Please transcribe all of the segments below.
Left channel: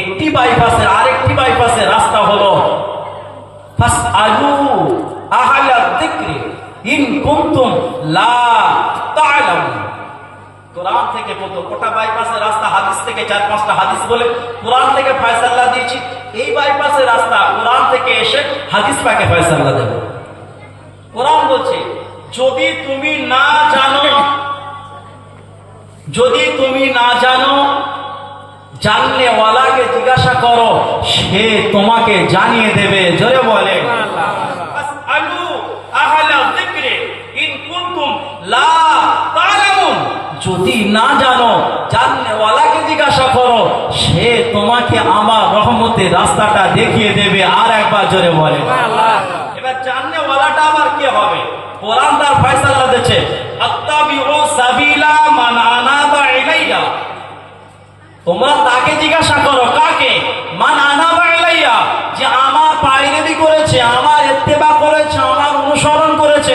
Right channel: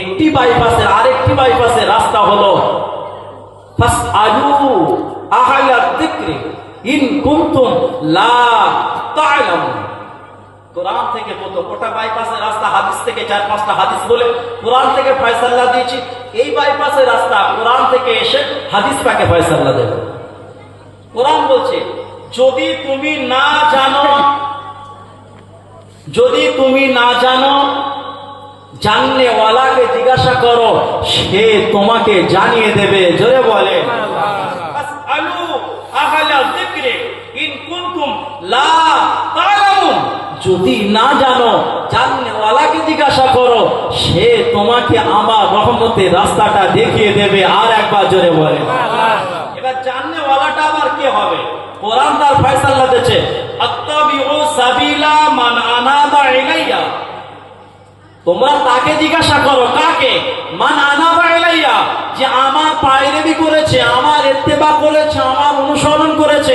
একটি বাইপাসে আরেকটি বাইপাসে রাস্তা হলো ফাসআলু আহলা যিকরি ইন কুনতুম লা তা'লামুন। কোরআন থেকে কত ওটা বাইপাসের রাস্তা, হাদিস থেকে 4-5টা হাদিস বলে কোরআন থেকে ফয়সালা দিয়েছি। এই বাইপাসের রাস্তা কোরআন থেকে এসে হাদিস পাকে ফয়সালা দেবে। কোরআন বলছে যদি তুমি না জানো জানলে ওয়ালাকে জিজ্ঞাসা করো, সে তোমাকে জানিয়ে দেবে। জোরে বলে ফাসআলু আহলা যিকরি ইন কুনতুম লা তা'লামুন। যদি না জানো জানলে ওয়ালাকে জিজ্ঞাসা করো, সে তোমাকে আমার রহমতের রাস্তাটা দেখিয়ে দেবে। আর একবার জোরে বলে। এবার জানলে ওয়ালাটা আবার কে হবে? কোরআন তার ফয়সালা দিয়েছে আত্তাবিউ সাবিলা মান আনাবা ইলাইয়া। তোমরা তাকে জিজ্ঞাসা করো, কাকে? মান আনাবা ইলাইয়া, যে আমার পায়রাবি করেছে, আমার ইত্তেবা করেছে, আমার অনুসরণ করেছে,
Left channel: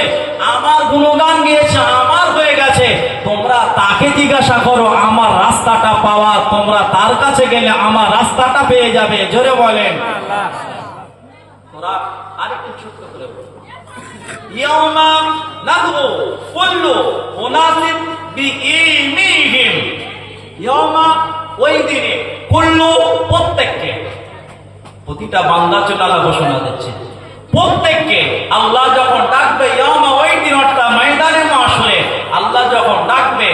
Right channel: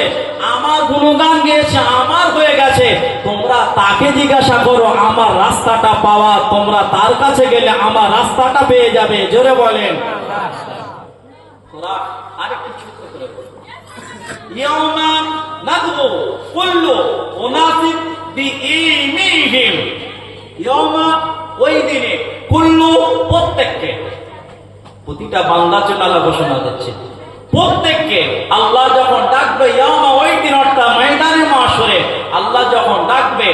আমার গুণগান গেয়েছে, আমার হয়ে গেছে। তোমরা তাকে জিজ্ঞাসা করো আমার রাস্তাটা পাওয়া। তোমরা তার কাছে গেলে আমার রাস্তাটা পেয়ে যাবে। জোরে বলেন। আরেকটু ছোট্ট করে বলবো, ইয়াউমা নাদউ কুল্লু উনাসিব বিইলমিহিম। ইয়াউমা, ওই দিনে, কুল্লু প্রত্যেককে, প্রতিটা বান্দার জন্য আল্লাহ ঘোষণা দিচ্ছে প্রত্যেককে আল্লাহ যখন ডাকবে, ইয়াউমা ওই দিন, অর্থাৎ ময়দানে মাশরে আল্লাহ যখন ডাকবে,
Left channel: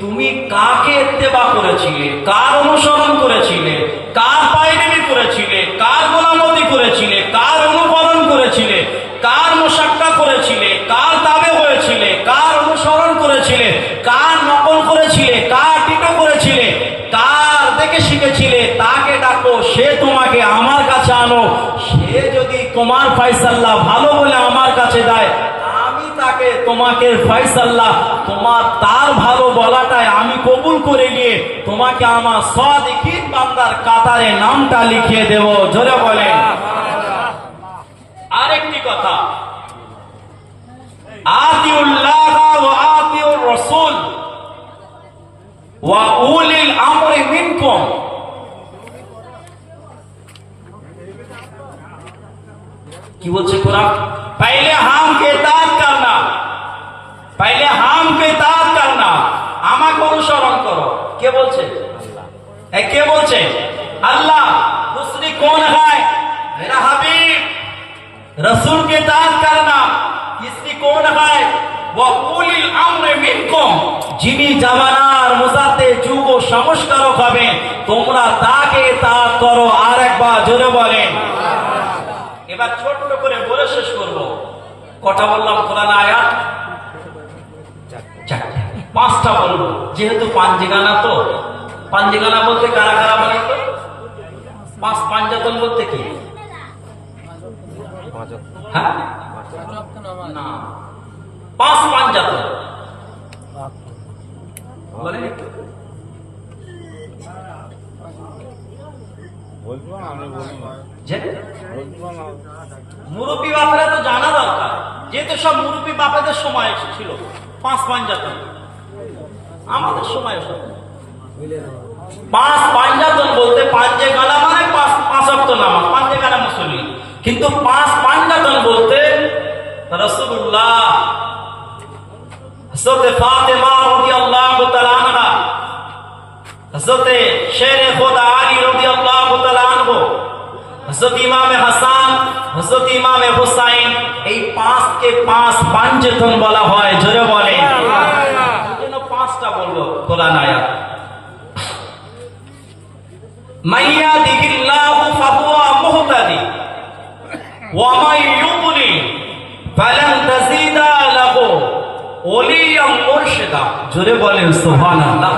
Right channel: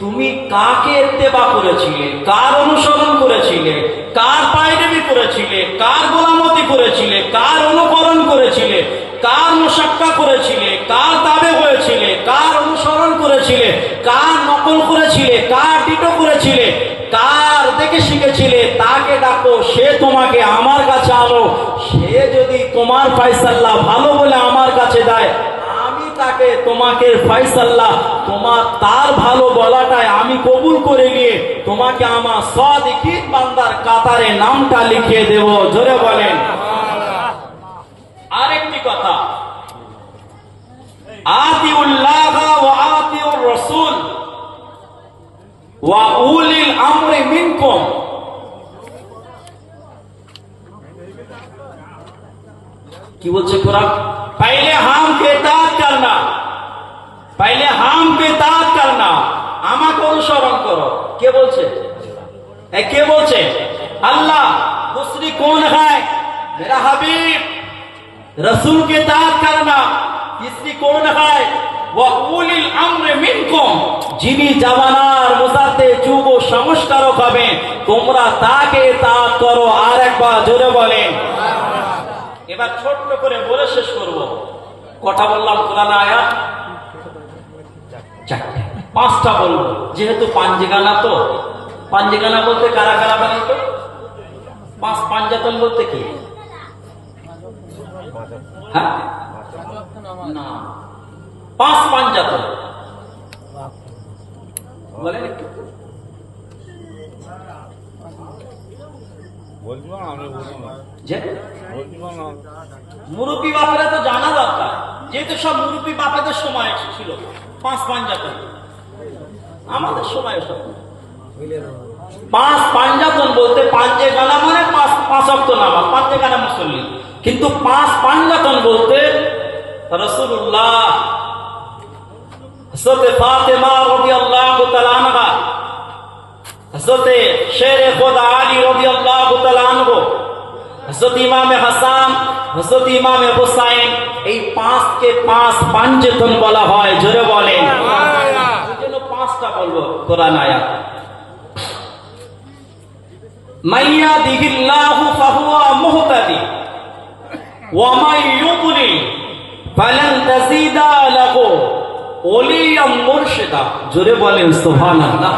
তুমি কাকে ইত্তেবা করেছিলে, কার অনুসরণ করেছিলে, কার পায়রাবি করেছিলে, কার গোলামতি করেছিলে, কার অনুকরণ করেছিলে, কার মুশাক্কা করেছিলে, কার তাবে হয়েছিলে, কার অনুসরণ করেছিলে, কার নকল করেছিলে, কার টিটো করেছিলে, কার দেখে শিখেছিলে, তাকে ডাকো, সে তোমাকে আমার কাছে আনো। সে যদি তোমার ফয়সালা ভালো বলে আমার কাছে দেয়, আমি তাকে তোমাকে ফয়সালা তোমার তার ভালো বলাটাই আমি কবুল করে নিয়ে তোমাকে আমার সাদিকিন বান্দার কাতারে নামটা লিখিয়ে দেব। জোরে বলেন। আরেকটি কথা, আতিউল্লাহ ওয়া আতিউর রাসূল ওয়া উলিল আমরি মিনকুম। কি বলছে কোরআন? पहले हम के इताअत करना, पहले हम के इताअत करना, আমাকে অনুসরণ করো। কে বলছে? কে বলছে? আল্লাহ। दूसरी कौन है? मेरा हबीब रसूल के इताअत करना। तीसरी कौन है? वो उलिल अम्र मिनकुम, যিনি জামানার মুসাতে যুগ সংস্কারক হবেন, তোমরা তাকে ইতাআত করো। আর একবার জোরে বলেন। এবার ছোট্ট করে বলে শেষ করব। কথা বললাম কোরআন আয়াত 4টে, 5টা বলবো, যেহেতু পাঞ্জেগানা। তো পাঞ্জেগানা বলতে কারা কারা বলেন তো? পাঞ্জাতন বলতে কি? হ্যাঁ না, 5 পাঞ্জাতন বলেন একটু। মুরব্বী বাপারা তো জানা দরকার, যেহেতু সব মুরব্বী বাপাদের সময় ছিল 5 পাঞ্জাতন, আমাদের সময় সব 5 পাঞ্জাতন বলতে পাঁচে গানা মানে 5 ওয়াক্ত নামাজ, পাঁচে গানা মুসল্লি। কিন্তু 5 পাঞ্জাতন বলতে রাসূলুল্লাহ, হযরত ফাতেমা রাদিয়াল্লাহু তাআলা আনহা, হযরত শেরে খোদা আলী রাদিয়াল্লাহু তাআলা আনহু, হযরত ইমামে হাসান, হযরত ইমামে হুসাইন, এই 5 কে 5 পাঞ্জাতন বলা হয়। জোরে বলেন। এজন্য 5টা বলবো কোরআন আয়াত। মাইয়াদিহিল্লাহু ফাহুয়া মুহতাদি ওয়া মাই ইউদ্লিল ফালান তাজিদা লাহু ওলিয়াম মুরশিদা। জোরে বলেন সুবহানাল্লাহ।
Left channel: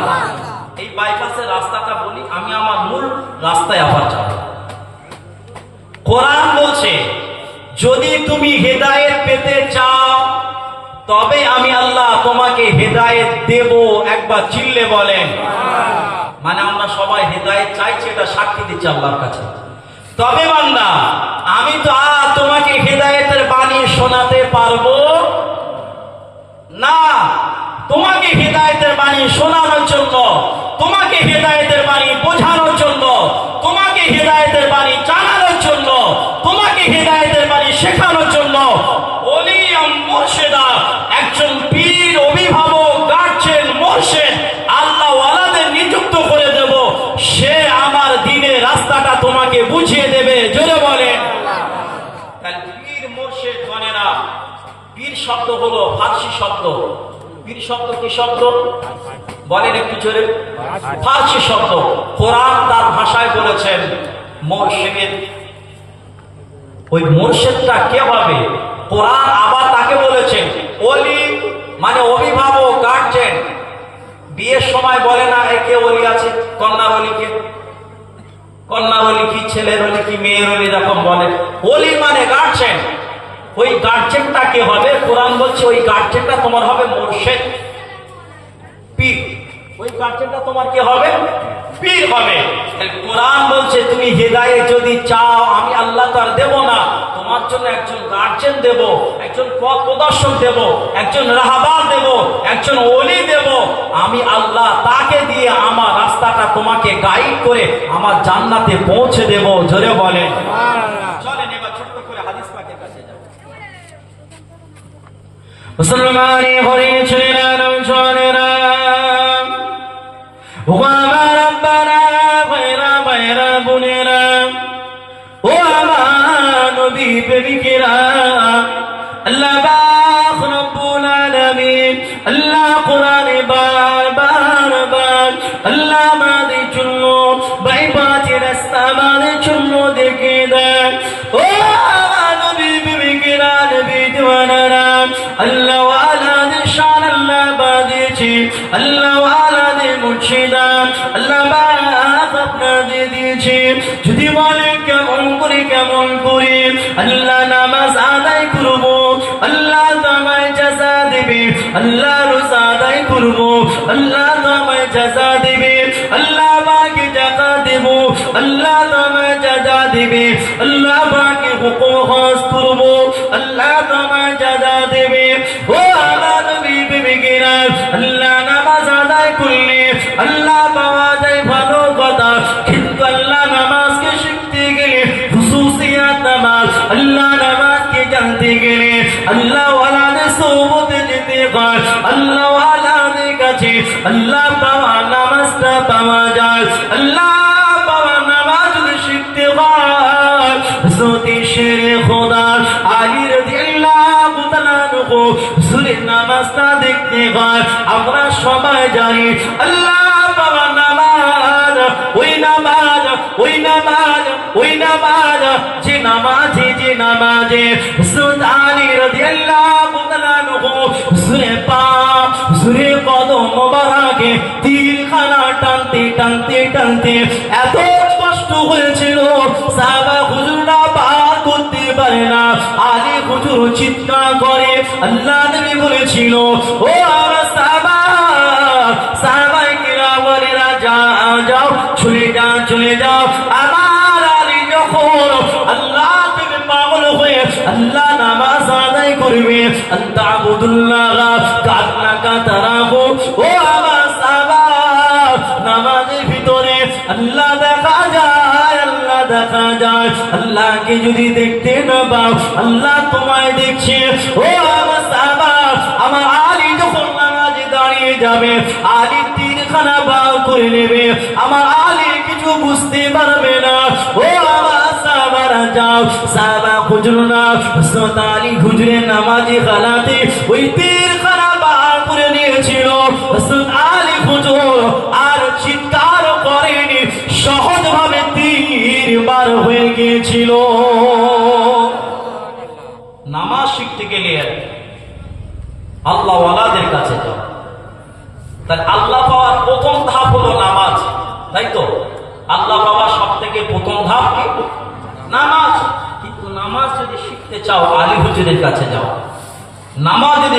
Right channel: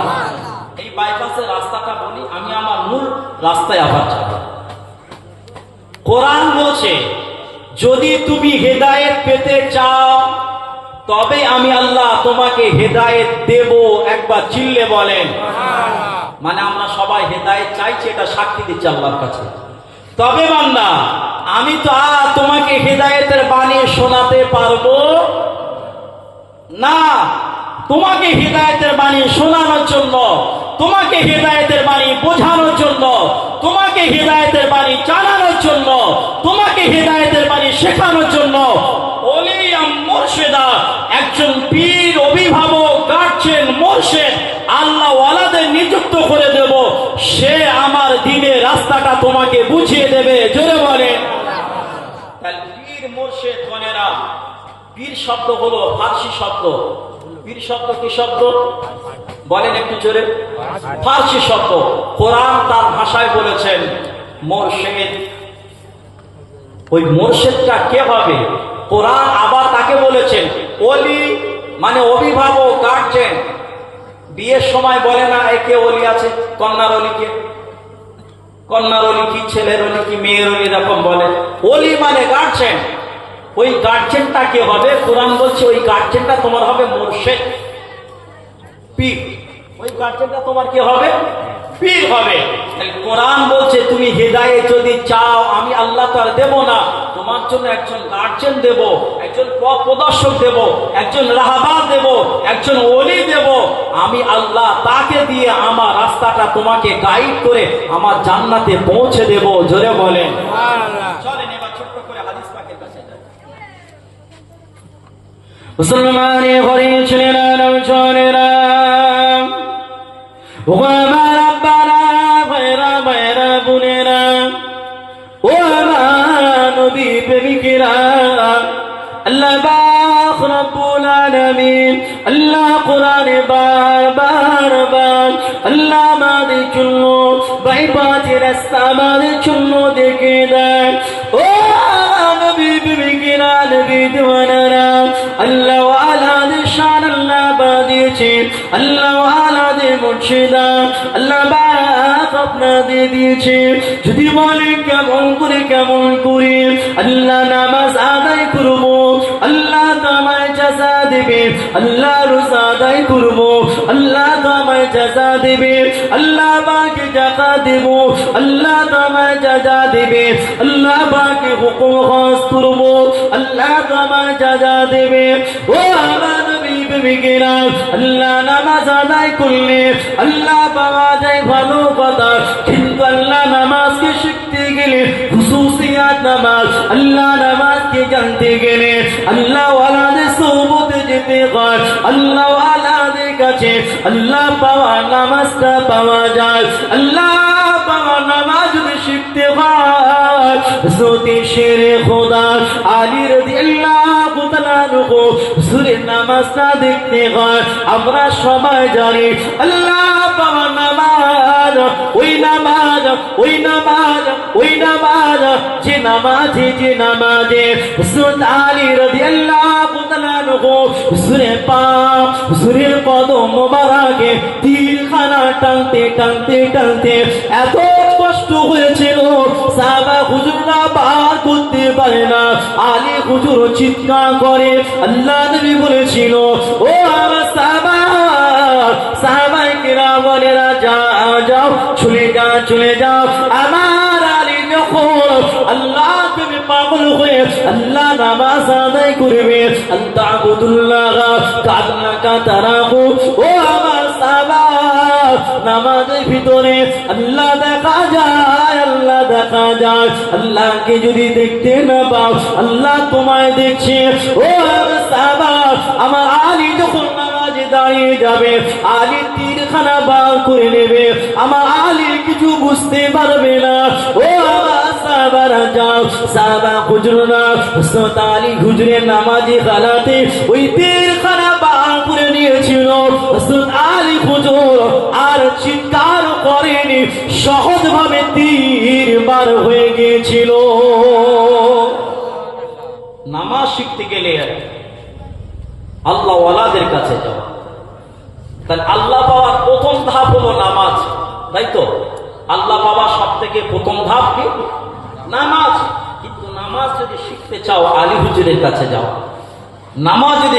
এই বাইপাসের রাস্তাটা বলি, আমি আমার মূল রাস্তায় আবার যাব। কোরআন বলছে যদি তুমি হেদায়েত পেতে চাও তবে আমি আল্লাহ তোমাকে হেদায়েত দেব। একবার চিল্লে বলেন। মানে আমরা সবাই হেদায়েত চাইছি, এটা সাক্ষী দিচ্ছি আল্লাহর কাছে। তবে বান্দা, আমি তো আর তোমাকে হেদায়েতের বাণী শোনাতে পারবো না। তোমাকে হেদায়েতের বাণী শোনানোর জন্য, তোমাকে হেদায়েতের বাণী বোঝানোর জন্য, তোমাকে পীর শব্দ হলো ফার্সি শব্দ। পীর শব্দ কি শব্দ বলেন একটু জোরে? ফার্সি শব্দ। কোরআন তার ভাষায় বলেছেন মুর্শিদ। ওই মুর্শিদটা কে হবে? কোরআন আবার তাকে বলেছেন ওলি, মানে অভিভাবক, গার্জেন। বিয়ের সময় বলে না একে ওলি আছে, কন্যার ওলিকে, কন্যার ওলি কি, ছেলের ওলি কি, মেয়ের ওলি, এরকম বলে। ওলি মানে গার্জেন। ওই গার্জেনটা কে হবে? কোরআন বলছে ওই গার্জেনটা তোমার হবে মুর্শিদ, পীর। ওই গার্জেনটা তোমার কি হবে? পীর হবে। কোরআন বলছে তুমি হিদায়াত যদি চাও আমি আল্লাহ তো আর দেব না, তোমার জন্য একজন গার্জেন দেব, একজন পথ প্রদর্শক দেব, একজন রাহবার দেব, একজন ওলি দেব। আমি আল্লাহ তাকে দিয়ে আমার রাস্তাটা তোমাকে গাইড করে আমার জান্নাতে পৌঁছে দেব। জোরে বলেন। চলেন এবার ছোট্ট করে হাদিস পাকের কাছে যাই। মুসলমানে ঘরে ছেলেরা নৌজনেরা ও আমার আব্বারা ভাইরা ভাইরা বোনেরা ও আমার নবী প্রেমিকেরা, আল্লাহ পাক রব্বুল আলামিন আল্লাহ কোরআনে বারবার আল্লাহ আমাদের জন্য বাইবাজের রাস্তা আমাদের জন্য দেখে দেন। ও আমার নবী প্রেমিকেরা, নবী দিওয়ানারা, আল্লাহ ওয়ালাদের শান আল্লাহ বাদিয়েছে, আল্লাহ ওয়ালাদের মুর্শিদা আল্লাহ পাক আপনাদের দিয়েছে। যদি বলে কেমন করে কেমন করে আল্লাহ নামাজ আদায় করবো, আল্লাহ তো আমায় জাযা দেবে। আল্লাহ রোজা আদায় করবো, আল্লাহ তো আমায় জাযা দেবে। আল্লাহ পাকে জাকাত দেব, আল্লাহ তো আমায় জাযা দেবে। আল্লাহ পাকে হুকুম হজ করবো, আল্লাহ তো আমায় জাযা দেবে। ও আমার নবী প্রেমিকেরা, আল্লাহ নামাজ আদায় করলে আল্লাহ পাওয়া যায় ভালো কথা, কিন্তু আল্লাহ নামাজকে শিখতে গেলে খুশুসিয়াত নামাজ, আল্লাহ নামাজকে জানতে গেলে আল্লাহ ওয়ালাদের সোহবতে যেতে হয়। আল্লাহ ওয়ালাদের কাছে আল্লাহ পাওয়া নামাজটা পাওয়া যায়। আল্লাহ পাওয়া নামাজ যদি শিখতে হয়, হযরত শেরে খোদা আলী রাদিয়াল্লাহু তাআলা আনহু হুজুরের নামাজটা দেখতে হয়। আমরা সবাই জানি আল্লাহ পাওয়া নামাজ ওই নামাজ, ওই নামাজ, ওই নামাজ যে নামাজে হযরত আলী রাদিয়াল্লাহু তাআলা আনহু হুজুরের পাক, হুজুরের কদম মোবারকে তীরখানা টানতে টানতে টানতে এত কষ্ট হয়েছিল সাহাবা হুজুররা পার করতে পারে না। আলী হুজুর চিৎকার করে আল্লাহ নবী বলেছিল ও আমার সাহাবা, সাহাবায়ে কিরাম বলেরা যাও চলে যাও চলে যাও। আমার আলী যখন আল্লাহ থেকে পাগল হয়ে আল্লাহ নামাজ আদায় করবে, আনতাবুদুল্লাহ কান্নাকা তারাহু। ও আমার সাহাবা, নামাজের ভিতরে আল্লাহ দেখা যায়, আল্লাহ দেখা যায়। আল্লাহকে যদি দেখতে না পাও আল্লাহ তোমায় দেখছে। ও আমার সাহাবা, আমার আলী যখন নামাজে দাঁড়িয়ে যাবে আলী তিনখানা বার করে নেবে, আমার আলী কিছু বুঝতে পারবে না। ও আমার সাহাবারা যাও, সাহাবা হুজুররা হযরত আলী হুজুরের নামাজে গালাতে ওই তিনখানা বার করে নিয়েছিল। হযরত আলী হুজুর আর চিৎকার করেনি, সহজ ভাবে তীর বার হয়ে গিয়েছিল। নামাজ শিখতে গেলে আল্লাহ ওয়ালাদের কাছে যাও। তাহলে আল্লাহ পাওয়ার প্রথম ধাপ হলো নামাজ, তাই তো? আল্লাহ পাওয়ার সব থেকে প্রথম ধাপ কি? নামাজ। কিন্তু নামাজ যদি শিখতে চাও আলী হুজুরের কাছে যাও। নামাজ যদি